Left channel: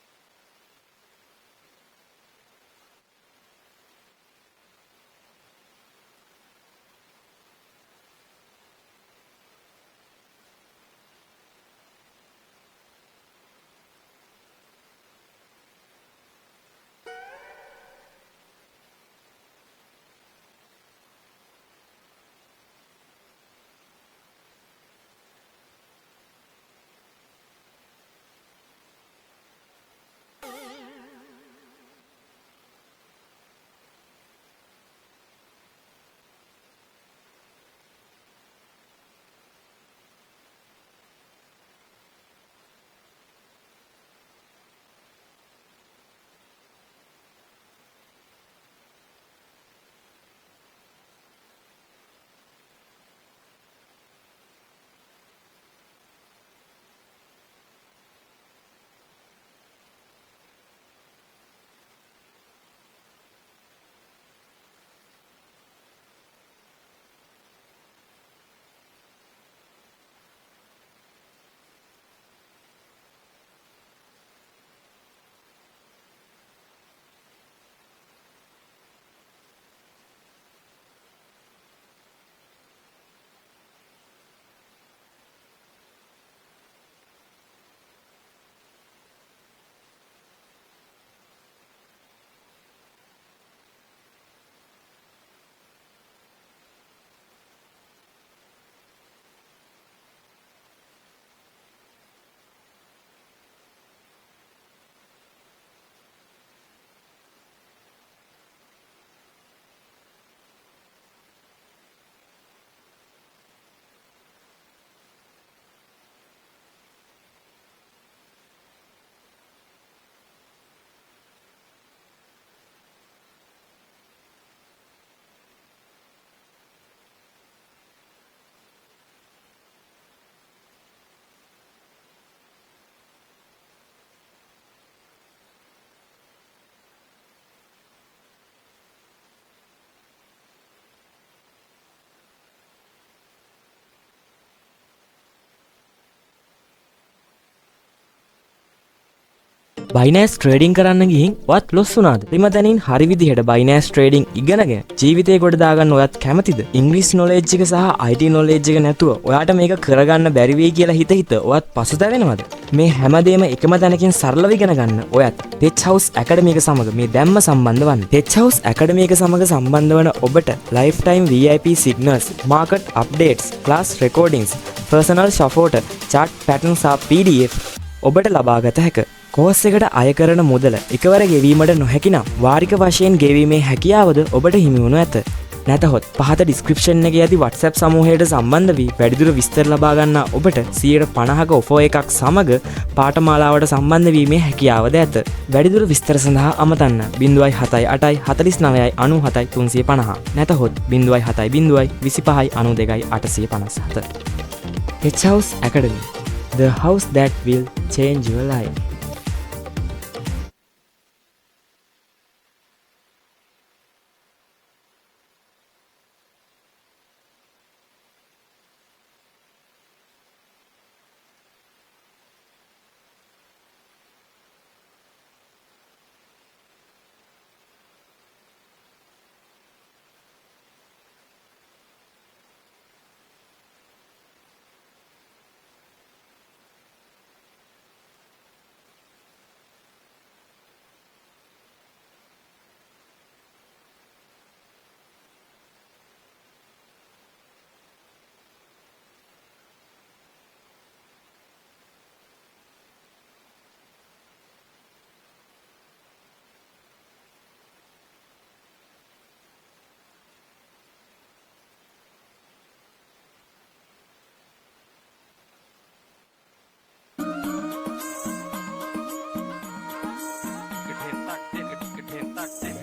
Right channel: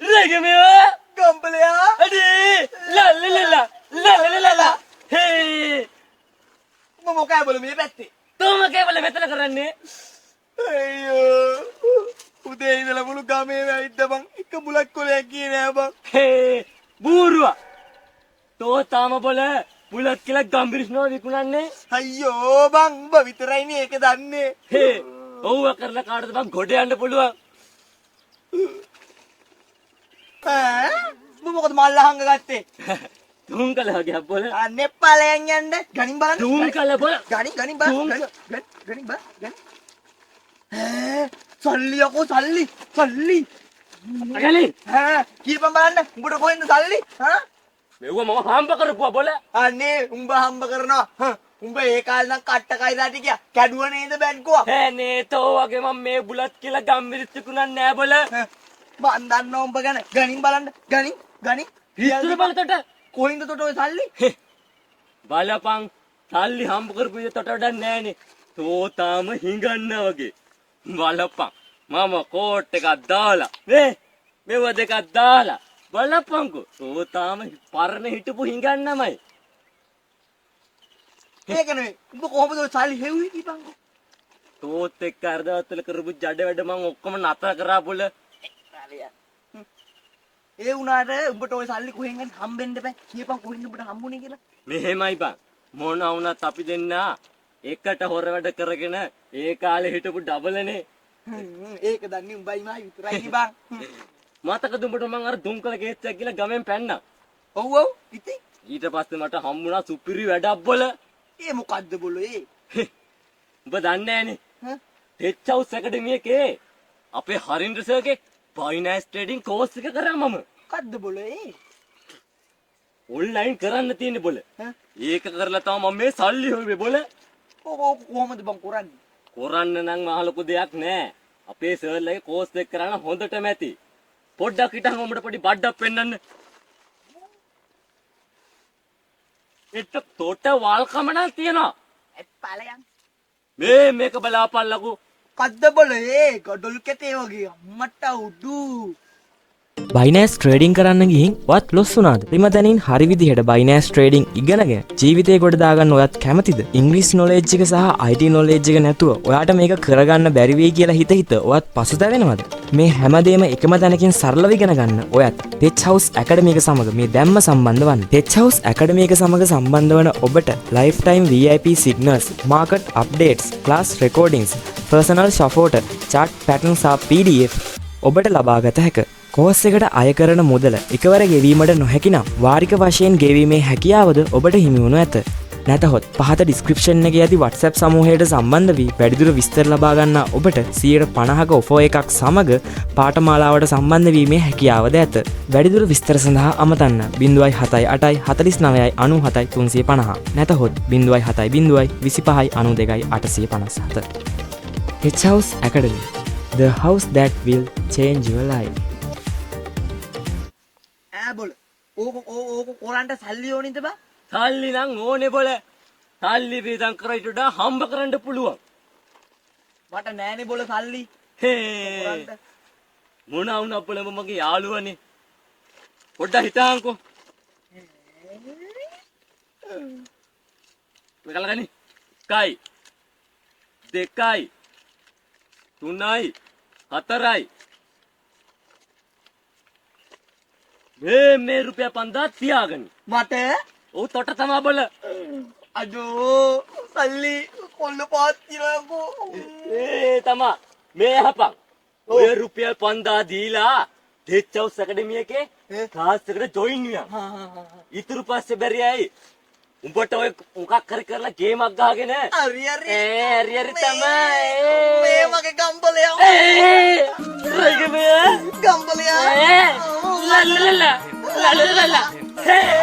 රගමවා ගම්පලයා අඩේ ලල්ලලලා ලල්ලලලා හේ උඹ මොකයි බල මේ පැත්තේ තෝම කේවල මෙතන කරන්නේ අයියෝ උදේ ඉඳලා මුළු ගමේ වැයිද්ද බං එක මුලක් කොලයක් ගියේ නෑ බං හේ බූරුවා තෝ තාම බල බුලත් කියලා ගම්බිරිස්නෝ විකුණන්නේ අයියෝ බං උඹ විතරයිනේ ඒක දන්නේ හේ ඔව්ව කරලා කාටද බං ගොඩ යන්න පුළුවන් ඈ උඹ මොකද මල්ල හංග ගත්තේ තුන් කල වගේ බල අනේ ඵලයන් යන්න ගණින් බලන්න තුන් කල බල ගණින් බලන්න ගණින් බලන්න ඈ සල්ලි යකෝ සල්ලි අගලි ඈ කීපම් බලන්න උඹට කොහෙන්ද සල්ලි හා මෙව මම හම්බ කරපුවා බල අනේ උඹ හම්බ කරනවා උඹ ඒ කාලේ නම් කට්ට කයිදාටි කිය කැඩුව නේද බැංකුව ඈ නේ තෝ වගේ මම මේ බුලත් කියලා ගම්බිරිස් විකුණන්නේ නෑ බල මන් දන්නවා උඹ ගැන ගණින් බලන්න ගණින් ඉස්සර බලතට කොහෙන්ද තොට ඔය සල්ලි බලපං සල්ලි හම්බ කරපු විදිහට වඩා නෑනේ තෝ තාම හිඟන්නා වගේ බලපං මම කෝට් එකක් දාලා මෙව දෙකක් දාලා බලපංකෝ තෝ තාම පරණ හිටපු හිඟන්නමයි ඒක නෙවෙයි උඹ කොහොමද ඔය සල්ලි හෙව්වේ කීපන්කෝ තෝත් එක්ක අර්ධවත්තල කරපු ජඩ වැඩ මං ඔක්කොම නතර කරා බුල ඒ වුණාට උඹට ඔය සල්ලි කොහෙන් හරි හම්බෙන්න බෑ කීපන් කොහෙන්ද උඹට හම්බුනේ කියලා මෙහෙමයි බං මොන වුණත් අපි දෙන්නා එකට හොර වැඩ කරගෙන ඒ කාලේ හිටපු ඩබලනේ ඒක දන්නේ උඹයි මා විතරයි බං මතකද උඹට මං අර දුම්කල ගේට්ටුවක් කියලා ගමෙන් පැන්නා ඔව් ඉතින් ඊට පස්සේ මට හම්බුණා සුපිරි වැඩක් බොල ඒ මොකද්ද බොලෝ ඒ උඹ දන්නේ නෑනේ ටෙච් හවුස් ඇකඩමි එකේ අපේ හරින්ද්‍ර සර්ගේ ෆයිනෑන්ස් ට්‍රේඩින් කෝස් එක කරා මම මොකද්ද බොලෝ ඒ ඔන්ලයින් කරන්න තියෙන්නේ බොල ඒක කරලා තමයි මම මේ සල්ලි හොයුවේ බොල ඕක කොහොමද බං කරන්නේ කරන්න නම් මහ ලොකු දෙයක් නෑ අපේ සර්ලගේ කෝස් එක කරන්න හොඳටම ඇති පොඩ්ඩක් හිටන් උඹට පොඩි බඩක් පෙන්නන්න එතට තොට වල්කම නම් තියනවා ඵලයන් මේක බලාපල්ලකෝ කද්ද බොලෝ ඒ ගඩොල් කැතේ වගේ අම්මට උඩු බයිනෑස් ට්‍රේඩින් කරන්න ගිහින් ඔයත් ලොස් වුණාද? රිම දැනින් හරි විදිහට බයිනෑස් ට්‍රේඩින් ඉගෙනගෙන ජීවිතේ ගොඩ දාගන්න ඔයත් කැමතිද? ඉංග්‍රීසි නොලෙජ් එක සහ IT නොලෙජ් එක නැතුව ඔයාට මේක කරගන්න බැරි වෙයි කියලා හිත ඔයත් පසුතැවෙනවද? මේ හැමදේම එකම තැනකින් සරලව ඉගෙන ගන්න ඔයත් ටෙච් හවුස් ඇකඩමි එක සමග මේ දැම්ම සම්බන්ධ වන්න. ටෙච් හවුස් ඇකඩමි එක සමග සම්බන්ධ වන ඔබට lifetime VIP signals, market updates, class recordings, personal support, chart patterns සහ PDF ඔබට ලබාගත හැකිය. කෝස් එකට අය කරන මුදල එකවර ගෙවීමට නොහැකි නම් වාරික වශයෙන් ගෙවීමේ හැකියාවද ඔබට හිමි වනු ඇත. නැතහොත් පහත ඩිස්ක්‍රිප්ෂන් එකේ ඇති WhatsApp සමූහයට සම්බන්ධ වී වැඩිදුර විස්තර ලබා ගන්න ඔබට 150ක ඔෆර් එකක් සමග පාඨමාලාවට සම්බන්ධ වීමේ හැකියාවද ඇත. වැඩිදුර විස්තර සඳහා අමතන්න 078 49 97 350 නැතහොත් 070 25 92 857. H House Academy, the house that will change your life. ඕක කොරන්ට සල්ලි ඕනින්ද බා සල්ලි නම් ඕනේ බොල සල්ලි වේදම් කරයිට වඩා හම්බ කරන්න පුළුවන් මට නෑනේ බොල සල්ලි හේ මොන වුණා බොල මගේ යාළුවනේ පොඩ්ඩක් හිටහන්කෝ මෙකල ගනි 1යි 2යි 3යි 4යි මේ රුපියල් 5000 තියාගන්න මට ඔව් තොට තමා බල අඩෝ සල්ලි කොල්ල පාත් තියනකෝ තමා මේ හපන් ඔය රුපියල් 5000 දීලා ටෙච් හවුස් ඇකඩමි එකේ ක්ලාස් එකට ජොයින් වෙනවා ඊටු පස්සේ බැරියයි උඹට ඔය මොකක් හරි කරලා ගේමක් ගහගෙන හරි තමයි මේ මගේ ගම්බලයා ගම්බලයා ගම්බලයා ලා ලා ලා ලා ලා